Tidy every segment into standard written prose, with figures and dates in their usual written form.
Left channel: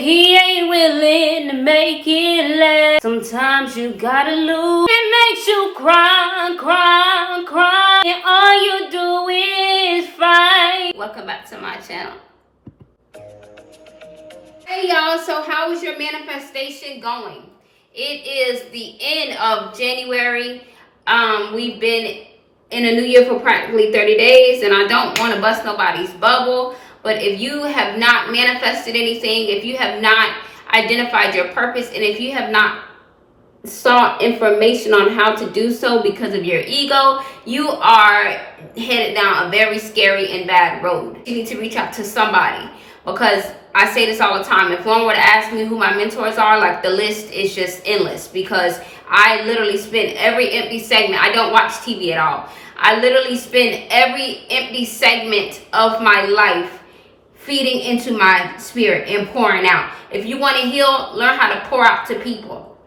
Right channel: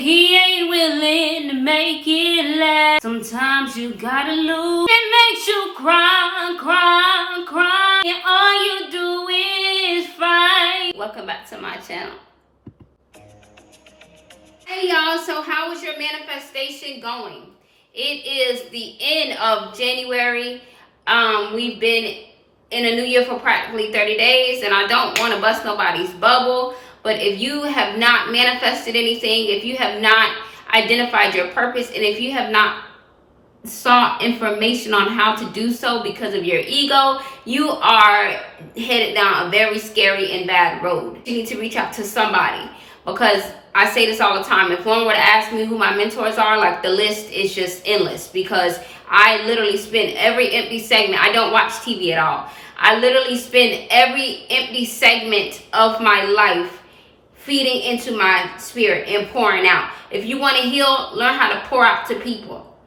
he ain't willing to make it last. Sometimes you gotta lose. It makes you cry, cry, cry, and all you do is fight. Welcome back to my channel. Hey y'all, so how is your manifestation going? It is the end of January. We've been in a new year for practically 30 days, and I don't want to bust nobody's bubble, but if you have not manifested anything, if you have not identified your purpose, and if you have not sought information on how to do so because of your ego, you are headed down a very scary and bad road. You need to reach out to somebody, because I say this all the time. If one were to ask me who my mentors are, like, the list is just endless, because I literally spend every empty segment. I don't watch TV at all. I literally spend every empty segment of my life feeding into my spirit and pouring out. If you want to heal, learn how to pour out to people.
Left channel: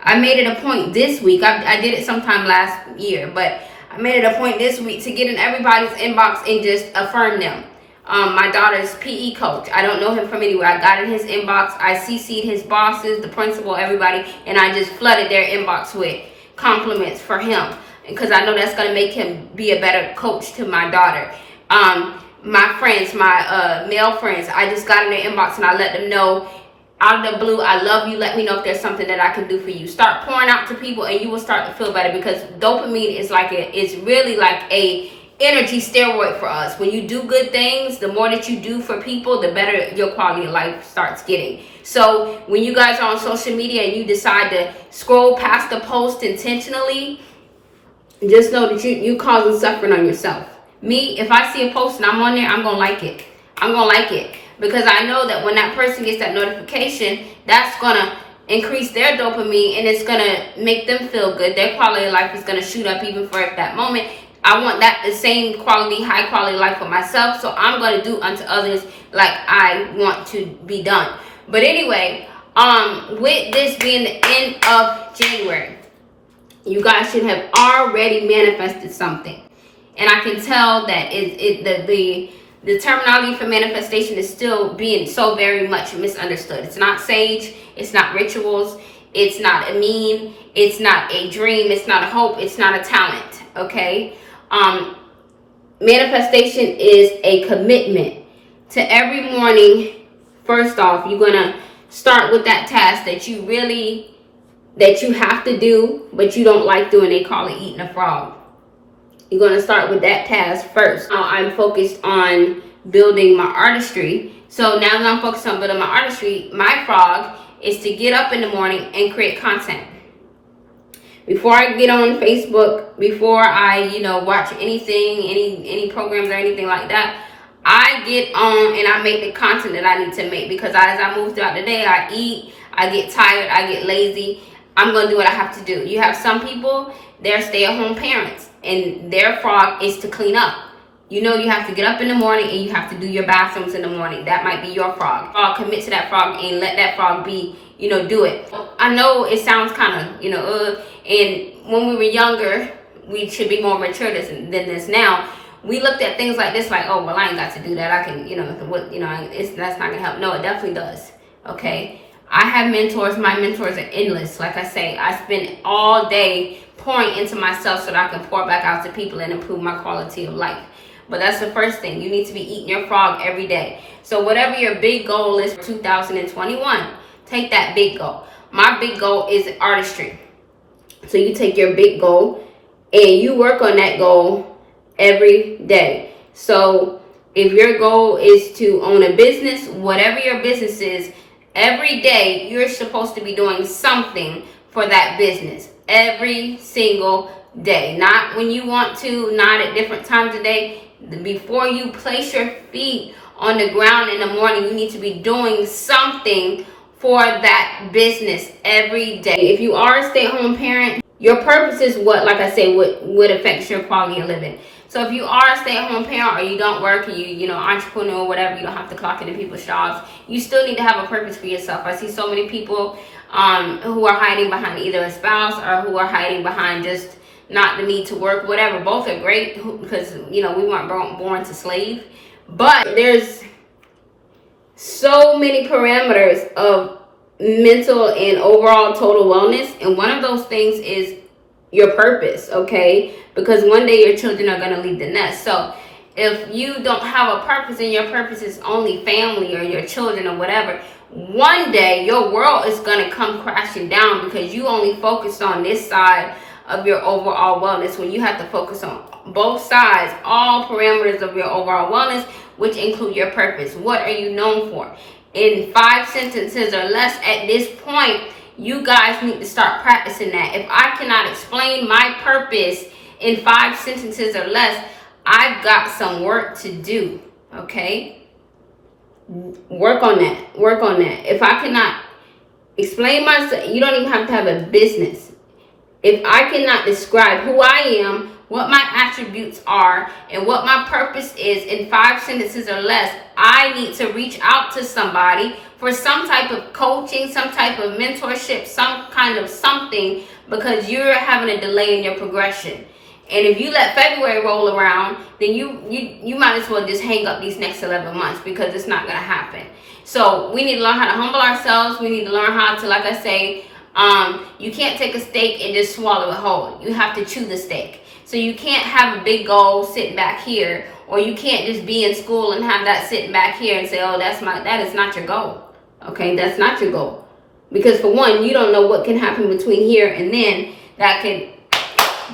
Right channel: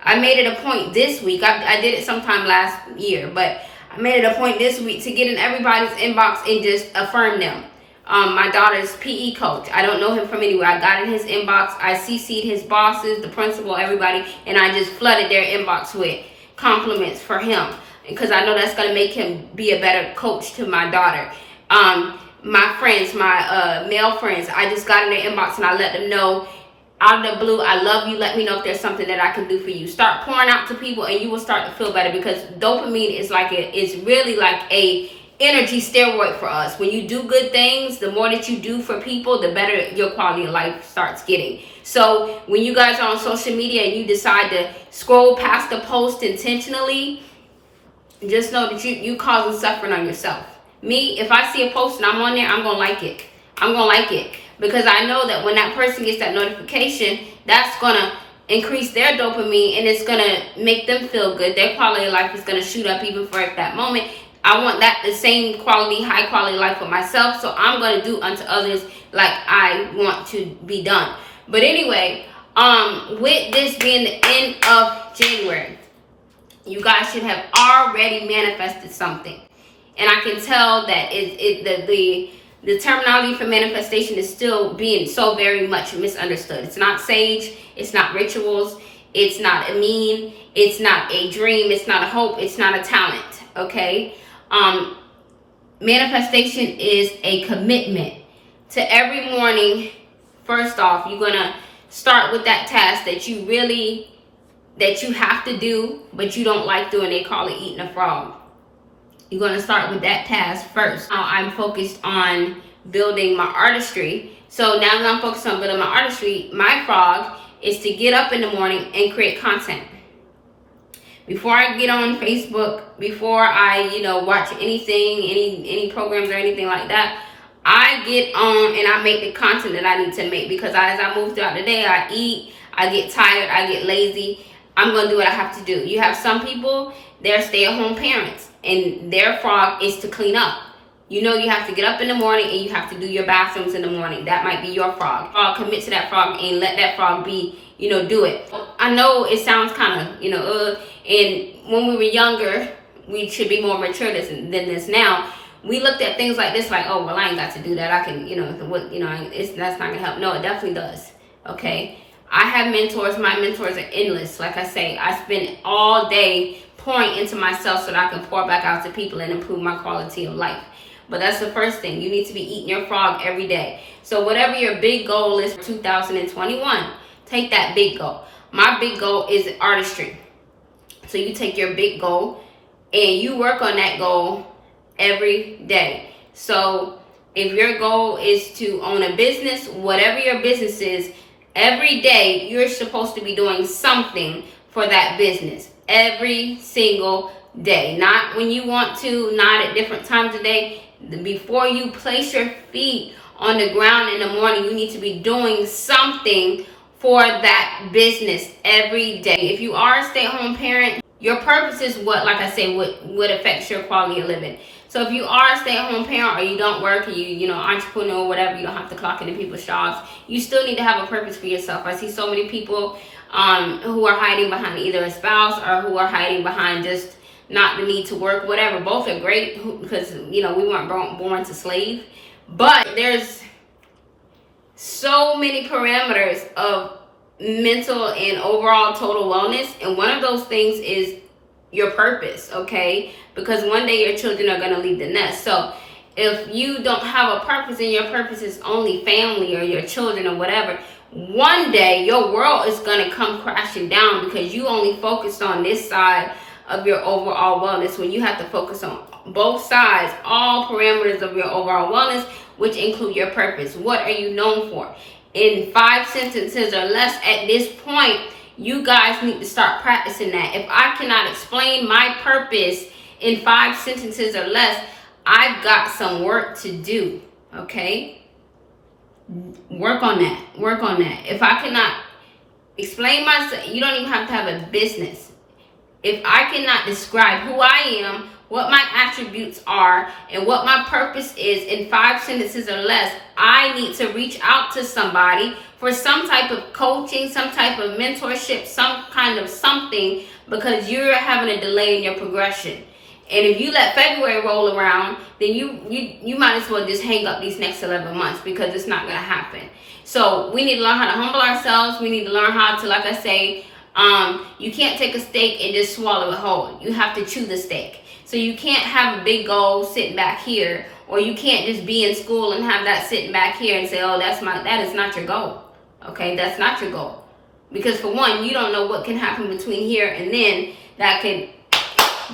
I made it a point this week. I did it sometime last year, but I made it a point this week to get in everybody's inbox and just affirm them. My daughter's PE coach, I don't know him from anywhere. I got in his inbox. I CC'd his bosses, the principal, everybody, and I just flooded their inbox with compliments for him, because I know that's going to make him be a better coach to my daughter. My friends, my male friends, I just got in their inbox and I let them know, out of the blue, I love you. Let me know if there's something that I can do for you. Start pouring out to people and you will start to feel better, because dopamine is it's really like a energy steroid for us. When you do good things, the more that you do for people, the better your quality of life starts getting. So when you guys are on social media and you decide to scroll past the post intentionally, just know that you causing suffering on yourself. Me, if I see a post and I'm on there, I'm gonna like it. I'm gonna like it, because I know that when that person gets that notification, that's gonna increase their dopamine and it's gonna make them feel good. Their quality of life is gonna shoot up even for that moment. I want the same quality, high quality life for myself, so I'm going to do unto others like I want to be done. But anyway, with this being the end of January, you guys should have already manifested something. And I can tell that the terminology for manifestation is still being so very much misunderstood. It's not sage, it's not rituals, it's not a meme, it's not a dream, it's not a hope, it's not a talent, okay? Manifestation is a commitment to every morning. First off, you're gonna start with that task that you have to do, but you don't like doing. They call it eating a frog. You're gonna start with that task first. Now I'm focused on building my artistry. So now that I'm focused on building my artistry, my frog is to get up in the morning and create content. Before I get on Facebook, before I, watch anything, any programs or anything like that, I get on and I make the content that I need to make, because as I move throughout the day, I eat, I get tired, I get lazy. I'm going to do what I have to do. You have some people, they're stay-at-home parents, and their frog is to clean up. You have to get up in the morning and you have to do your bathrooms in the morning. That might be your frog. Commit to that frog and let that frog be, do it. I know it sounds kind of, and when we were younger, we should be more mature than this now. We looked at things like this like, oh, well, I ain't got to do that. I can, that's not going to help. No, it definitely does. Okay. I have mentors. My mentors are endless. Like I say, I spend all day pouring into myself so that I can pour back out to people and improve my quality of life. But that's the first thing. You need to be eating your frog every day. So whatever your big goal is for 2021, take that big goal. My big goal is artistry. So you take your big goal and you work on that goal every day. So if your goal is to own a business, whatever your business is, every day you're supposed to be doing something for that business. Every single day. Not when you want to, not at different times of day. Before you place your feet on the ground in the morning, you need to be doing something for that business every day. If you are a stay-at-home parent, your purpose is what affects your quality of living. So if you are a stay-at-home parent, or you don't work, or you entrepreneur or whatever, you don't have to clock into people's jobs, you still need to have a purpose for yourself. I see so many people who are hiding behind either a spouse, or who are hiding behind just not the need to work, whatever. Both are great, because we weren't born to slave. But there's so many parameters of mental and overall total wellness, and one of those things is your purpose, okay? Because one day your children are going to leave the nest. So if you don't have a purpose and your purpose is only family or your children or whatever, one day your world is going to come crashing down because you only focused on this side of your overall wellness, when you have to focus on both sides, all parameters of your overall wellness, which include your purpose. What are you known for? In 5 sentences or less at this point, you guys need to start practicing that. If I cannot explain my purpose in 5 sentences or less, I've got some work to do, okay? Work on that. Work on that. If I cannot explain myself, you don't even have to have a business. If I cannot describe who I am, what my attributes are, and what my purpose is in 5 sentences or less, I need to reach out to somebody for some type of coaching, some type of mentorship, some kind of something, because you're having a delay in your progression. And if you let February roll around, then you might as well just hang up these next 11 months, because it's not going to happen. So we need to learn how to humble ourselves. We need to learn how to, like I say, you can't take a steak and just swallow it whole. You have to chew the steak. So you can't have a big goal sitting back here, or you can't just be in school and have that sitting back here and say, oh, that is not your goal. Okay, that's not your goal. Because for one, you don't know what can happen between here and then that could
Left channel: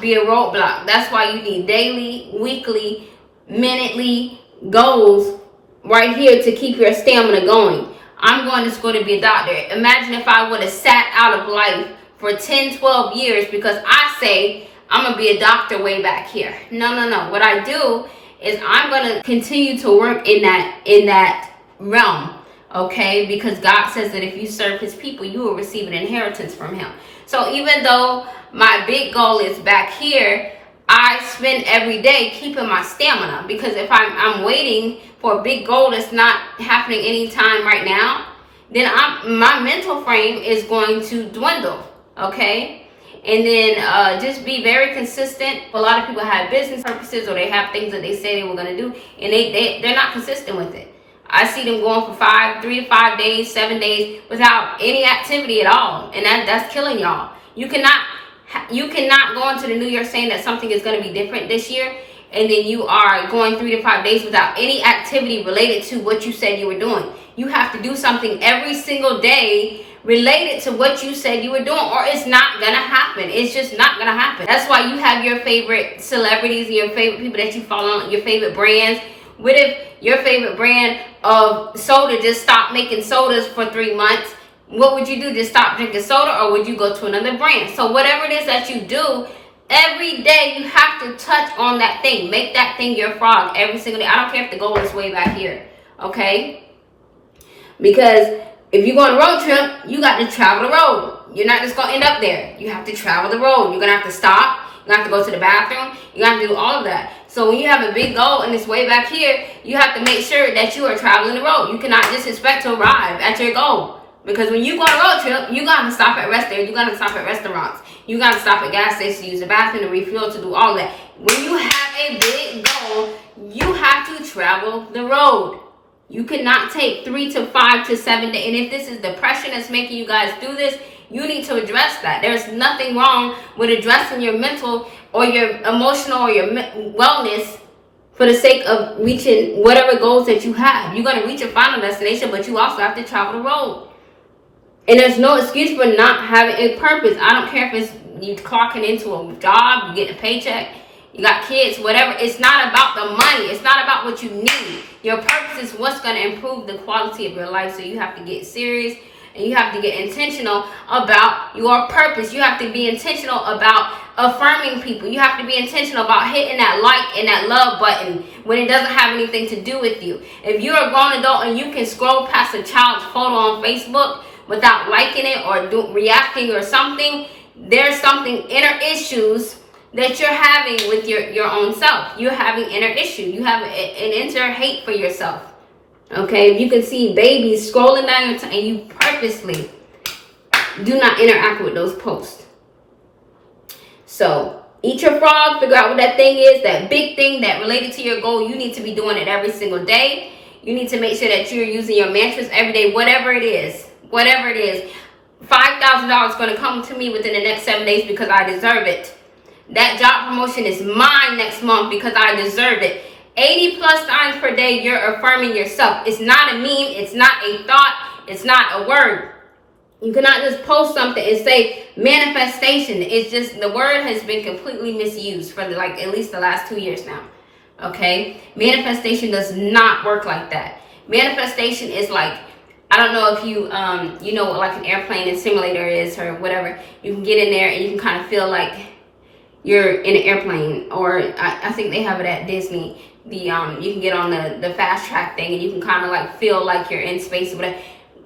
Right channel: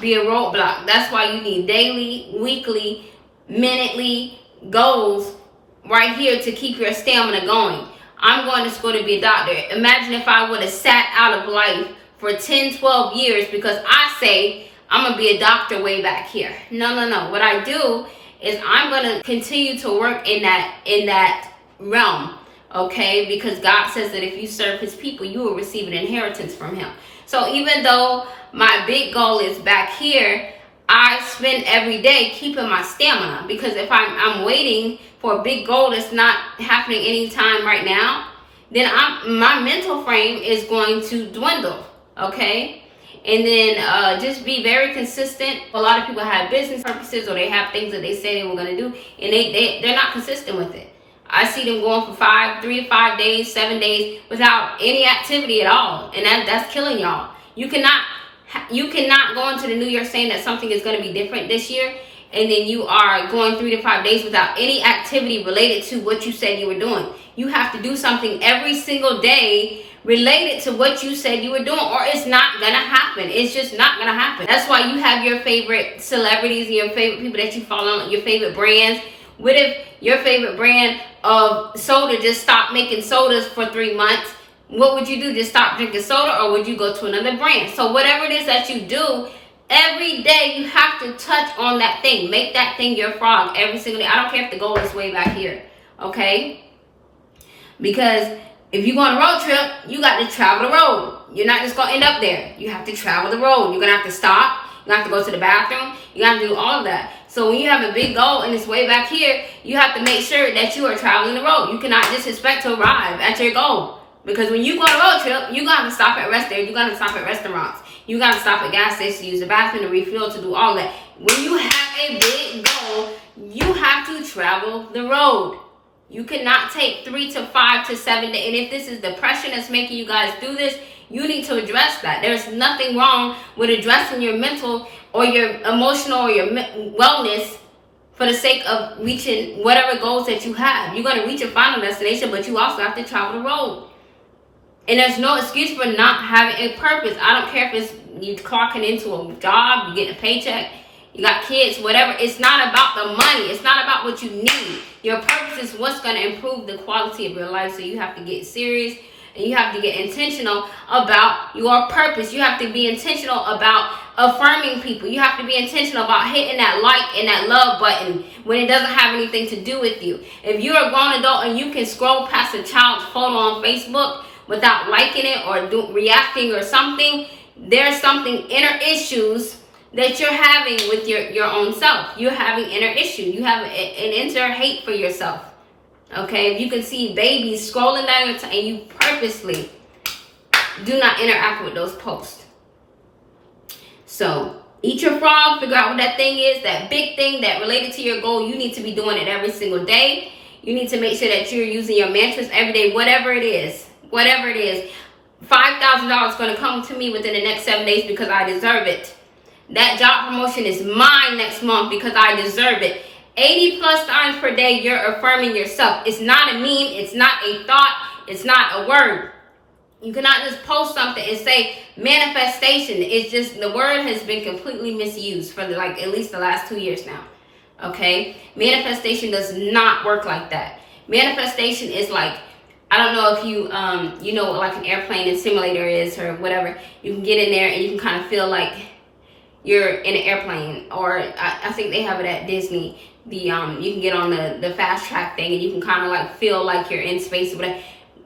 be a roadblock. That's why you need daily, weekly, minutely goals right here to keep your stamina going. I'm going to school to be a doctor. Imagine if I would have sat out of life for 10, 12 years because I say I'm going to be a doctor way back here. No. What I do is I'm going to continue to work in that realm, okay? Because God says that if you serve his people, you will receive an inheritance from him. So even though my big goal is back here, I spend every day keeping my stamina, because if I'm waiting for a big goal that's not happening anytime right now, then my mental frame is going to dwindle, okay? And then just be very consistent. A lot of people have business purposes, or they have things that they say they were going to do, and they're not consistent with it. I see them going for 3 to 5 days, 7 days without any activity at all, and that's killing y'all. You cannot go into the new year saying that something is going to be different this year, and then you are going 3 to 5 days without any activity related to what you said you were doing. You have to do something every single day related to what you said you were doing, or it's not going to happen. It's just not going to happen. That's why you have your favorite celebrities and your favorite people that you follow, your favorite brands. What if your favorite brand of soda just stopped making sodas for 3 months? What would you do? Just stop drinking soda, or would you go to another brand? So whatever it is that you do, every day you have to touch on that thing. Make that thing your frog every single day. I don't care if the goal is way back here, okay? Because if you go on a road trip, you got to travel the road. You're not just going to end up there. You have to travel the road. You're going to have to stop. You have to go to the bathroom. You have to do all of that. So when you have a big goal and it's way back here, you have to make sure that you are traveling the road. You cannot just expect to arrive at your goal. Because when you go on a road trip, you got to stop at rest areas. You got to stop at restaurants. You got to stop at gas stations to use the bathroom, to refuel, to do all that. When you have a big goal, you have to travel the road. You cannot take 3 to 5 to 7 days. And if this is depression that's making you guys do this, you need to address that. There's nothing wrong with addressing your mental or your emotional or your wellness for the sake of reaching whatever goals that you have. You're going to reach your final destination, but you also have to travel the road. And there's no excuse for not having a purpose. I don't care if it's you clocking into a job, you get a paycheck, you got kids, whatever. It's not about the money. It's not about what you need. Your purpose is what's going to improve the quality of your life. So you have to get serious and you have to get intentional about your purpose. You have to be intentional about affirming people. You have to be intentional about hitting that like and that love button when it doesn't have anything to do with you. If you're a grown adult and you can scroll past a child's photo on Facebook without liking it or reacting or something, there's something inner issues that you're having with your own self. You're having inner issue. You have an inner hate for yourself. Okay, if you can see babies scrolling down your time and you purposely do not interact with those posts. So eat your frog, figure out what that thing is, that big thing that related to your goal. You need to be doing it every single day. You need to make sure that you're using your mantras every day, whatever it is. Whatever it is. $5,000 is going to come to me within the next 7 days because I deserve it. That job promotion is mine next month because I deserve it. 80 plus times per day, you're affirming yourself. It's not a meme. It's not a thought. It's not a word. You cannot just post something and say manifestation. It's just, the word has been completely misused for like at least the last 2 years now. Okay? Manifestation does not work like that. Manifestation is like, I don't know if you, you know what like an airplane and simulator is or whatever. You can get in there and you can kind of feel like you're in an airplane, or I think they have it at Disney. You can get on the fast track thing and you can kind of like feel like you're in space or whatever.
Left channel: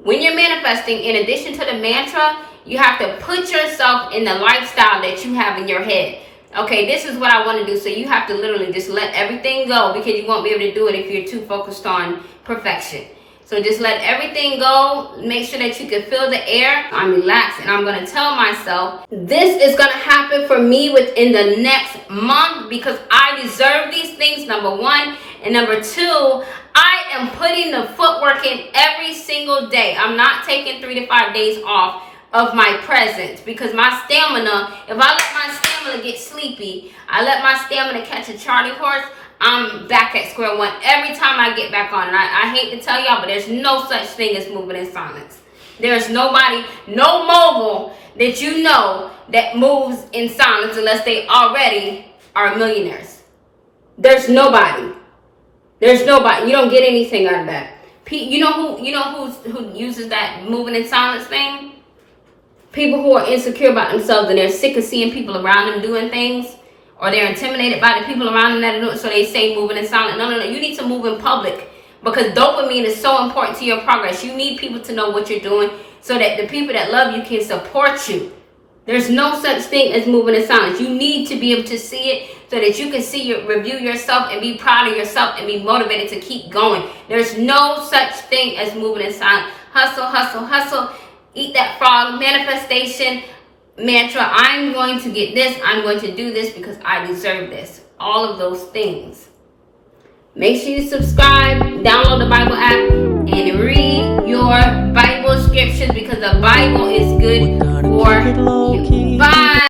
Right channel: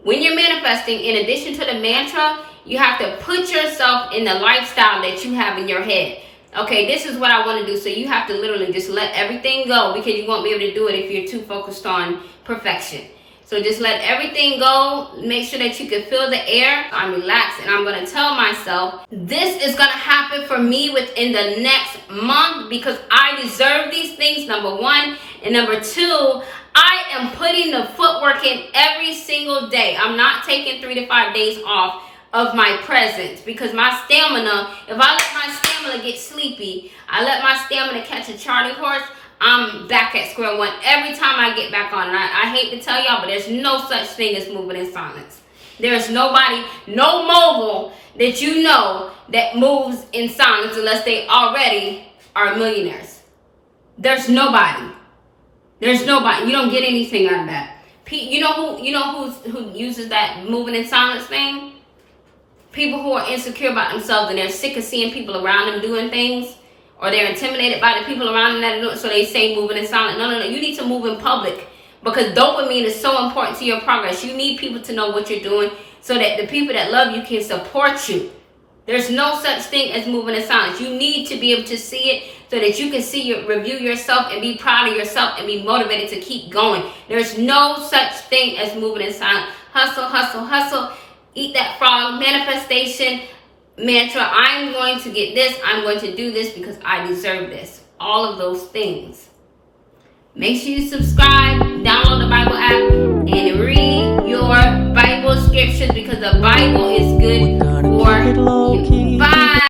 When you're manifesting, in addition to the mantra, you have to put yourself in the lifestyle that you have in your head. Okay, this is what I want to do. So you have to literally just let everything go, because you won't be able to do it if you're too focused on perfection. So just let everything go. Make sure that you can feel the air. I'm relaxed, and I'm going to tell myself this is going to happen for me within the next month because I deserve these things, number one. And number two, I am putting the footwork in every single day. I'm not taking 3 to 5 days off of my presence because my stamina, if I let my stamina get sleepy, I let my stamina catch a Charlie horse, I'm back at square one every time I get back on. And I hate to tell y'all, but there's no such thing as moving in silence. There's nobody, no mogul that you know that moves in silence unless they already are millionaires. There's nobody. There's nobody. You don't get anything out of that. You know who uses that moving in silence thing? People who are insecure about themselves and they're sick of seeing people around them doing things, or they're intimidated by the people around them that do it, so they say moving in silence. No. You need to move in public because dopamine is so important to your progress. You need people to know what you're doing so that the people that love you can support you. There's no such thing as moving in silence. You need to be able to see it so that you can review yourself and be proud of yourself and be motivated to keep going. There's no such thing as moving in silence. Hustle, hustle, hustle. Eat that frog. Manifestation mantra. I'm going to get this. I'm going to do this because I deserve this. All of those things. Make sure you subscribe, download the Bible app, and read your Bible scriptures because the Bible is good for you.